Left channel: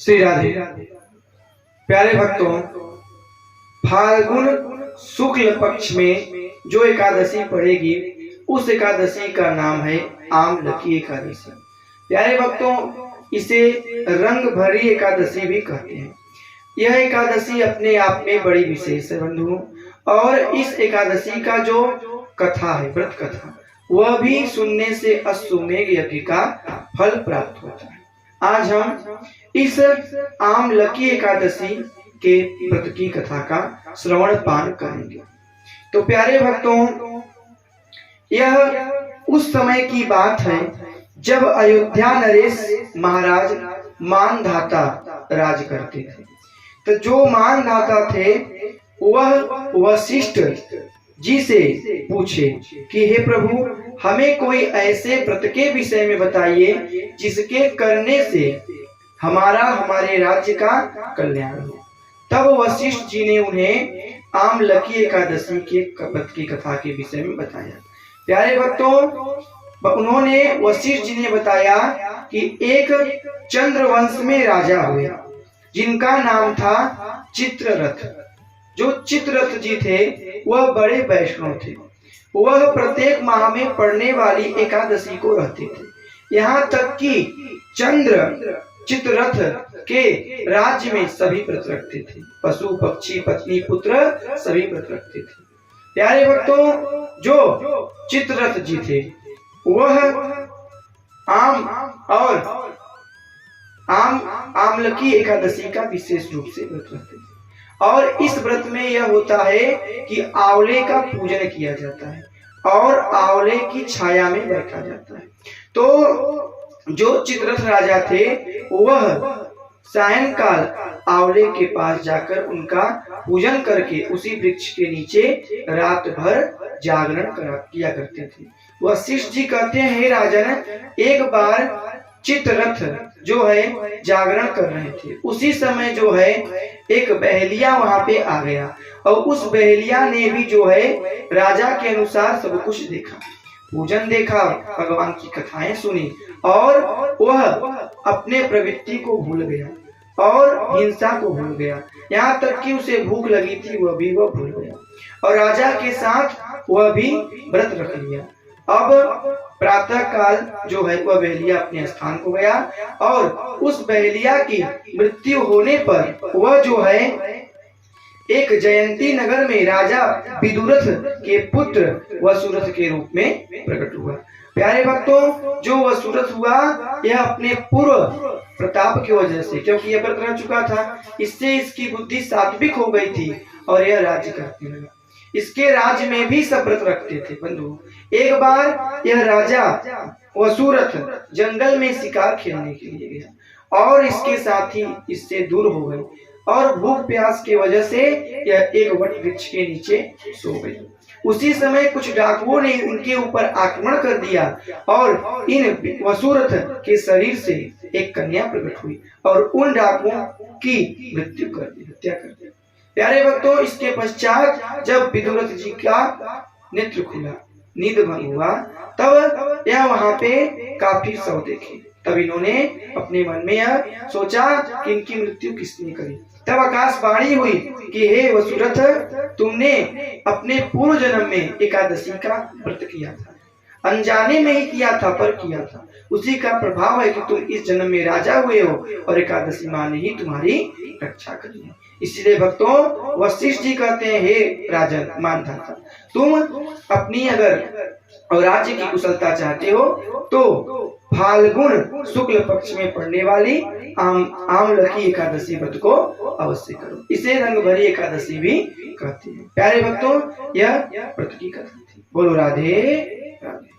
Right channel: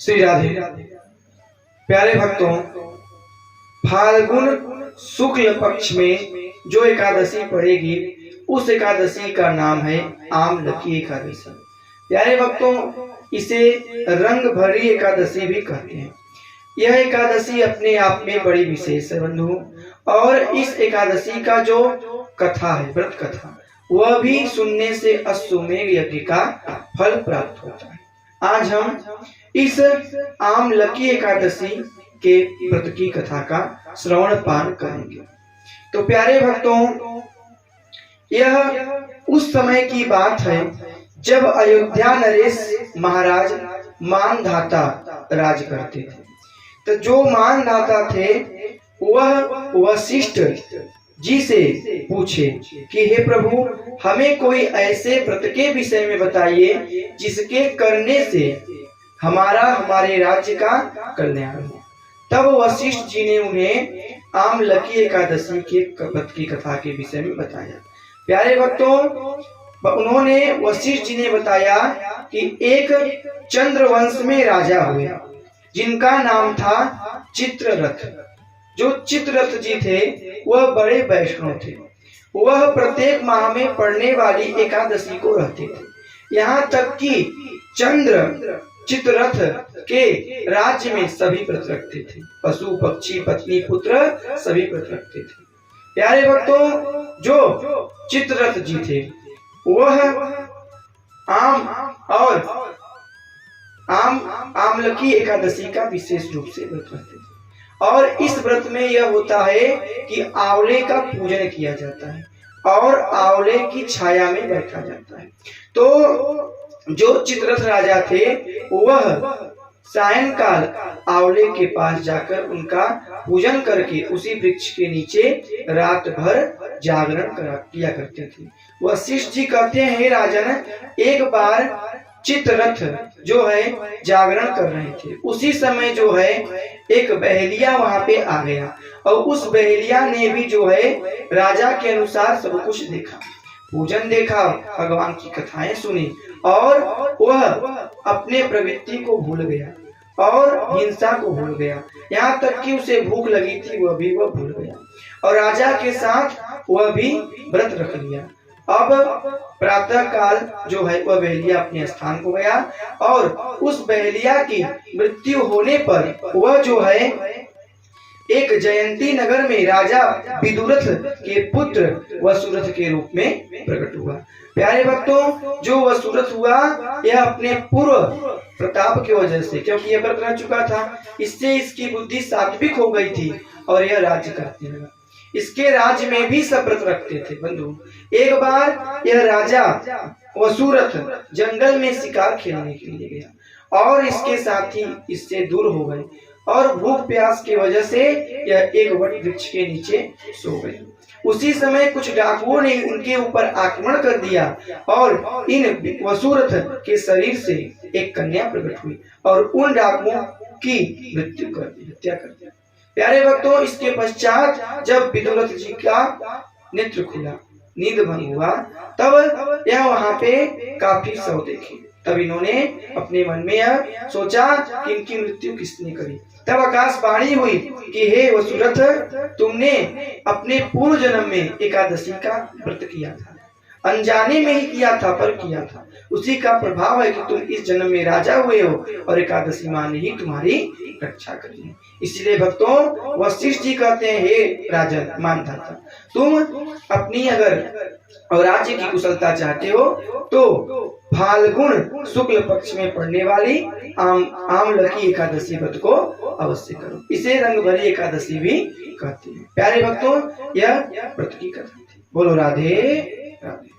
श्री राधे। प्यारे भक्तों, फाल्गुन शुक्ल पक्ष में जो एकादशी पड़ेगी उस एकादशी का नाम है आमलकी एकादशी। प्यारे भक्तों, इसे रंग भरी एकादशी भी कहते हैं। यह एकादशी अपने आप में बड़ी विशेष है बंधु, और इस एकादशी का जो कथा है, व्रत कथा, वह भी सुनने से अश्वमेघ यज्ञ का फल प्राप्त होता है। आज हम इस आमलकी एकादशी के व्रत की कथा का श्रवण पान करेंगे। तो प्यारे भक्तों, यह उस समय की बात है जब अयोध्या नरेश महाराज मानधाता राज करते थे। तो जो मानधाता थे वह वशिष्ठ जी से पूछे कि हे प्रभु, हमें कोई ऐसे व्रत के विषय में बताइए जिसके करने से हमारे राज्य का कल्याण हो। तब वशिष्ठ जी ने उन्हें आमलकी एकादशी के व्रत की कथा के विषय में बताया। प्यारे भक्तों, उन्होंने वशिष्ठ जी ने बताया कि एक चंद्रवंश में राजा हुए जिनका नाम था चित्ररथ। जो चित्ररथ जी थे वह बड़े वैष्णव थे। वह प्रत्येक माह में पड़ने वाली एकादशी को रहते थे। यहाँ तक कि चित्ररथ के राज्य में सभी व्रत रखते थे। पशु पक्षी पत्नी पुत्र सभी व्रत रखते थे। प्यारे भक्तों, जो चित्ररथ जी थे वह आमलकी एकादशी का विशेष रूप से व्रत रखते थे। और इस व्रत में यह होता है कि आंवले का पूजन किया जाता है और आंवले की छाया में बैठा जाता है। तो जो चित्ररथ राजा थे वह सायंकाल आंवले के पास जाकर उनका पूजन करके उसी वृक्ष के नीचे रात भर जागरण किया करते थे। वशिष्ठ जी कहते हैं, हे राजन, एक बार चित्ररथ जो है जागरण कर रहे थे, उसी समय जो है एक बहेलिया वहां पे आ गया और उस बहेलिया ने भी जो है राजा के अनुसार सब कुछ देखा, पूजन देखा, भगवान की कथाएं सुनी और वह अपने प्रवृत्ति को भूल गया और हिंसा को भूल गया। यहाँ तक कि उसे भूख लगी थी वह भूल गया और राजा के साथ वह भी व्रत रख लिया। अब प्रातः काल जो है वह बहेलिया अपने स्थान को गया और उस बहेलिया की मृत्यु होने पर वह जो है एक जयंती नगर में राजा विदुरथ के पुत्र वसुरथ के रूप में प्रकट हुआ। प्यारे भक्तों, जो वसुरथ हुआ यह अपने पूर्व प्रताप की वजह से, क्योंकि यह व्रत रह चुका था, इससे इसकी बुद्धि सात्विक हो गई थी और यह राज्य करने लगा। इसके राज्य में भी सब व्रत रखते थे बंधु। एक बार यह राजा वसुरथ जंगल में शिकार खेलने के लिए गया और इसके साथी इससे दूर हो गए और भूख प्यास की वजह से यह एक वट वृक्ष के नीचे सो गई। उसी समय कुछ डाकुओं ने उनके ऊपर आक्रमण कर दिया और इन वसुरथ के शरीर से एक कन्या प्रकट हुई और उन डाकुओं की मृत्यु कर दी, हत्या कर दी। प्यारे भक्तों, इसके पश्चात जब विदुरथ जी का नेत्र खुला, नींद भंग हुआ, तब यह वहां पे काफी शव देखे। तब इन्होंने अपने मन में यह सोचा कि इनकी मृत्यु किसने करी। तब आकाशवाणी हुई कि हे वसुरथ, तुमने अपने पूर्व जन्म में एकादशी का व्रत किया था, अनजाने में ही किया था पर किया था। उसी का प्रभाव है कि तुम इस जन्म में राजा हुए हो और एकादशी माँ ने ही तुम्हारी रक्षा करी है। इसलिए भक्तों, वशिष्ठ जी कहते हैं, हे राजन मानधाता, तुम अपनी अगर और राज्य की कुशलता चाहते हो तो फाल्गुन शुक्ल पक्ष में पड़ने वाली आमलकी एकादशी व्रत को अवश्य करो। इसे रंग भरी एकादशी भी कहते हैं। प्यारे भक्तों, यह व्रत की कथा थी। बोलो राधे राधे।